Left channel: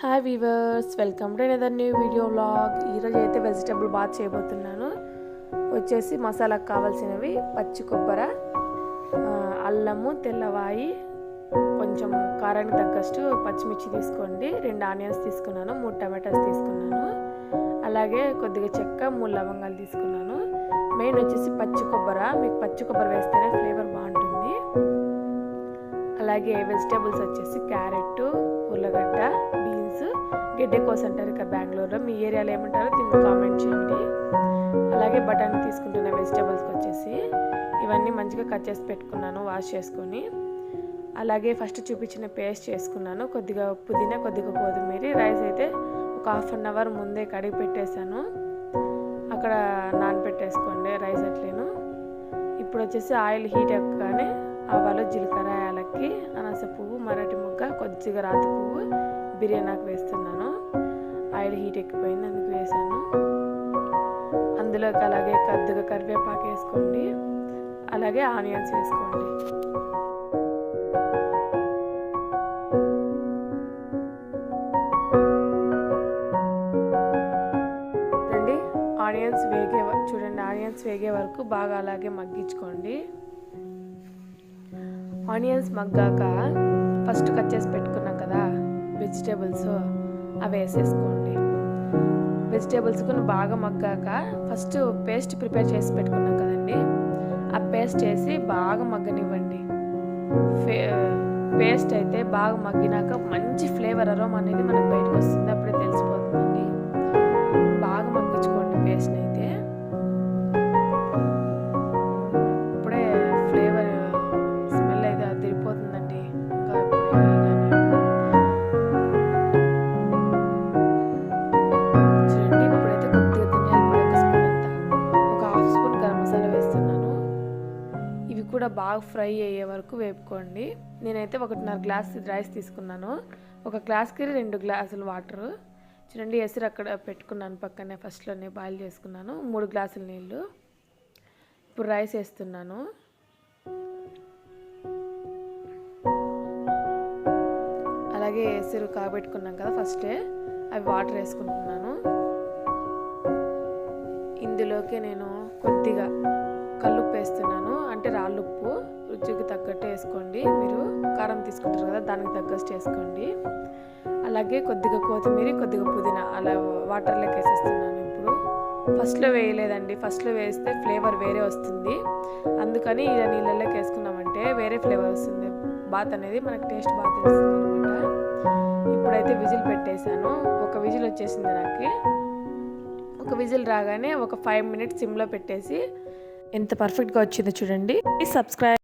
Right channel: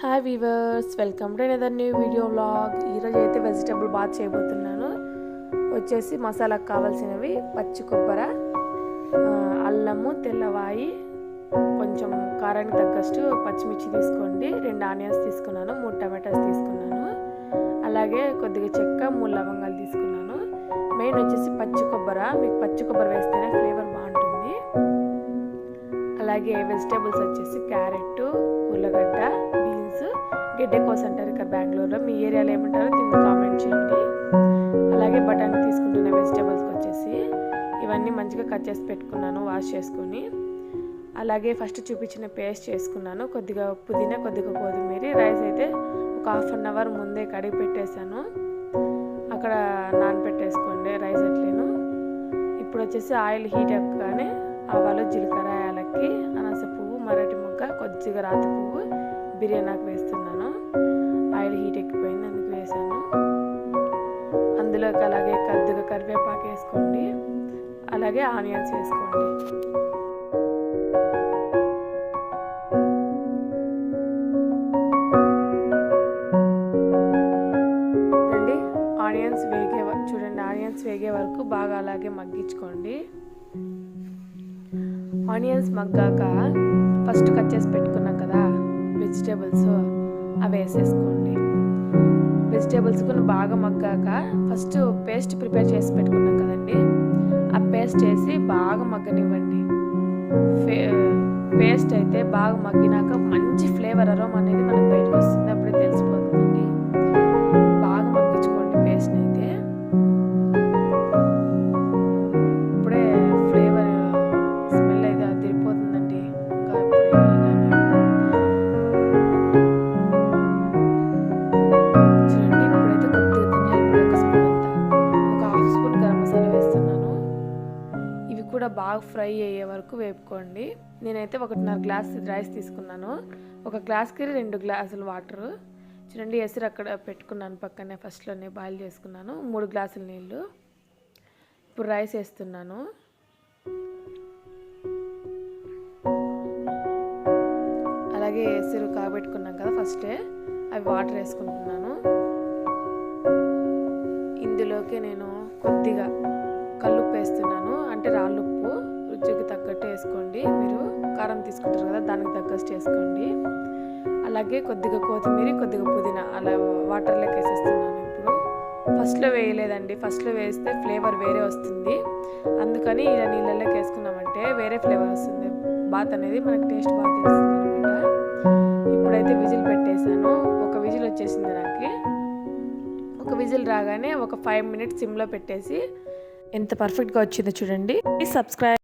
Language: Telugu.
Hi weavers, welcome to another new video vlog. ఈరోజు అయితే వెజిటబుల్ బాత్ చేయబోతున్నాను. వచ్చేసి మసాలాకు కావాల్సినవి పచ్చి కొబ్బరి, అల్లము, తెల్లవాయి, కొంచెం కారానికి తగ్గట్టు పచ్చిమిర్చి తీసుకోండి. 2 ఆనియన్స్ తీసుకున్నాను, 3 టమాటాస్ తీసుకున్నాను, అలాగే కొద్దిగా చెక్క, 3 లవంగాలు తీసుకున్నాను. మెయిన్ వచ్చేసి పచ్చి కొబ్బరి. మీకు పచ్చి కొబ్బరి వేస్తేనే ఫ్లేవర్ బాగుంటుంది. అలాగే వెజిటేబుల్స్ వచ్చేసి క్యారెట్, ఉల్లగడ్డ, బీన్స్, గెడ్డెకోస్ అంటారు ఇక్కడ బెంగళూరులో. మీ ఏరియాలో ఏమంటారో దీన్ని కామెంట్ చేయండి. అలాగే బఠానీ తీసుకుంటున్న వెజిటేబుల్స్కి వచ్చేసి ఇవన్నీ మంచిగా కట్ చేసి పెట్టుకున్నాను, వాష్ చేసుకొని. అలాగే ఫస్ట్ చూపించిన పేస్ట్ చేసుకున్నాను. కొద్దిగా పుదీనా, కొద్దిగా కొత్తిమీర. రైస్ అయితే ఒక ½ అన్ అవర్ ముందే కడిగి పెట్టేశాను. అక్కడ నానబెట్టేసుకోండి రైస్ అట్లేను. ఇప్పుడు వచ్చేసి ఆయిల్ హీట్ ఎక్కగానే ఆవాలు, జీలకర్ర, యాలక్కి, అనాస పువ్వు, మరాఠీ మొగ్గ, కొద్దిగా రాతి పువ్వు, బిర్యానీకి వేస్తున్నాను. ఆయిల్ హీట్ ఎక్కిపోయింది, అందుకు వేసాను. అందులోకి అలాగే కొద్దిగా కరివేపాకు వేసుకోండి, అలాగే ఆనియన్స్ వేసుకోండి. ఆనియన్స్ వేగే వరకు బాగా అలాగే మగ్గించుకోండి. ఆనియన్స్ మగ్గాక ఫస్ట్ కట్ చేసి పెట్టుకున్నాం కదా వెజిటేబుల్స్, అవి వేసేసుకోండి. వెజిటేబుల్స్ కొన్ని బాగా మగ్గాక ఫస్ట్ పేస్ట్ ప్రిపేర్ చేసి పెట్టుకున్నాం కదండి, ఆ పేస్ట్ వేసి బాగా మగ్గనివ్వండి. పేస్ట్ అయితే బాగా మగ్గినాక మంచి ఫ్లేవర్ అరోమా అనేది మనకు బయటకు వస్తుంది, అప్పుడే తెలిసిపోతుందండి. బాగా మగ్గించుకోండి పేస్ట్ని అయితే. ఇప్పుడే ఫ్లేవర్ స్మెల్ అయితే అదిరిపోతుందండి. ఇంకా ఇప్పుడే కానీ చూడండి. ఇప్పుడైతే కొద్దిగా ధనియాల పొడి, 1 స్పూన్ అంతా, ఒక ½ స్పూన్ గరం మసాలా వేస్తున్నాను. ఇవి కూడా బాగా ఫ్రై అయ్యే వరకు వేపుకోండి. నేనైతే 1.5 గ్లాస్ రైస్ తీసుకున్నాను. 1 గ్లాస్కి 2 గ్లాసులు వాటరు. చూడండి, ఎసురు అక్కడ పెట్టుకున్నాను పక్కనే, ఫస్ట్లోనే బాయిల్ చేసుకున్నాను. 3 గ్లాసుల నీళ్ళు. ఇప్పుడు రైస్ వేస్తున్నాను. అలాగే ఎసురు కాబెట్టుకున్నాం కదా ఫస్టే, అవి వాటర్ వేసుకుంటున్నాను. ఇందులోకి నేను కొద్దిగా కల్లుప్పు వేస్తున్నాను, అంటే రాళ్ళుప్పు. రుచికి తగ్గట్టు వేసుకోండి. మీరు కారం తీసుకుంటారు కదా, దానికి తగ్గట్టు వేసుకోండి. అలాగే కొద్దిగా కొత్తిమీర, కొద్దిగా పుదీనా అలా వాటర్లోకి వేసేస్తున్నాను. ఇప్పుడు ఫస్ట్లో వేయలేదండి, ఫస్ట్లో వేస్తే ఫ్లేవర్ వేరే వస్తుంది. అందుకని ఇలా నీళ్ళలోకి వేసుకున్నామంటే వేరే ఫ్లేవర్ వస్తుంది. బాత్ అనేది మనకు టేస్ట్ బాగా తెలుస్తుంది అనమాట. ఇప్పుడైతే విజిల్ పెట్టేశాను. 1 విజిల్ వచ్చేసింది నాకు. 1 విజిల్ రాగానే ఒక 5 మినిట్స్ సిమ్లో పెట్టేసి ఎంత పర్ఫెక్ట్గా వచ్చిందో చూడండి. Please subscribe.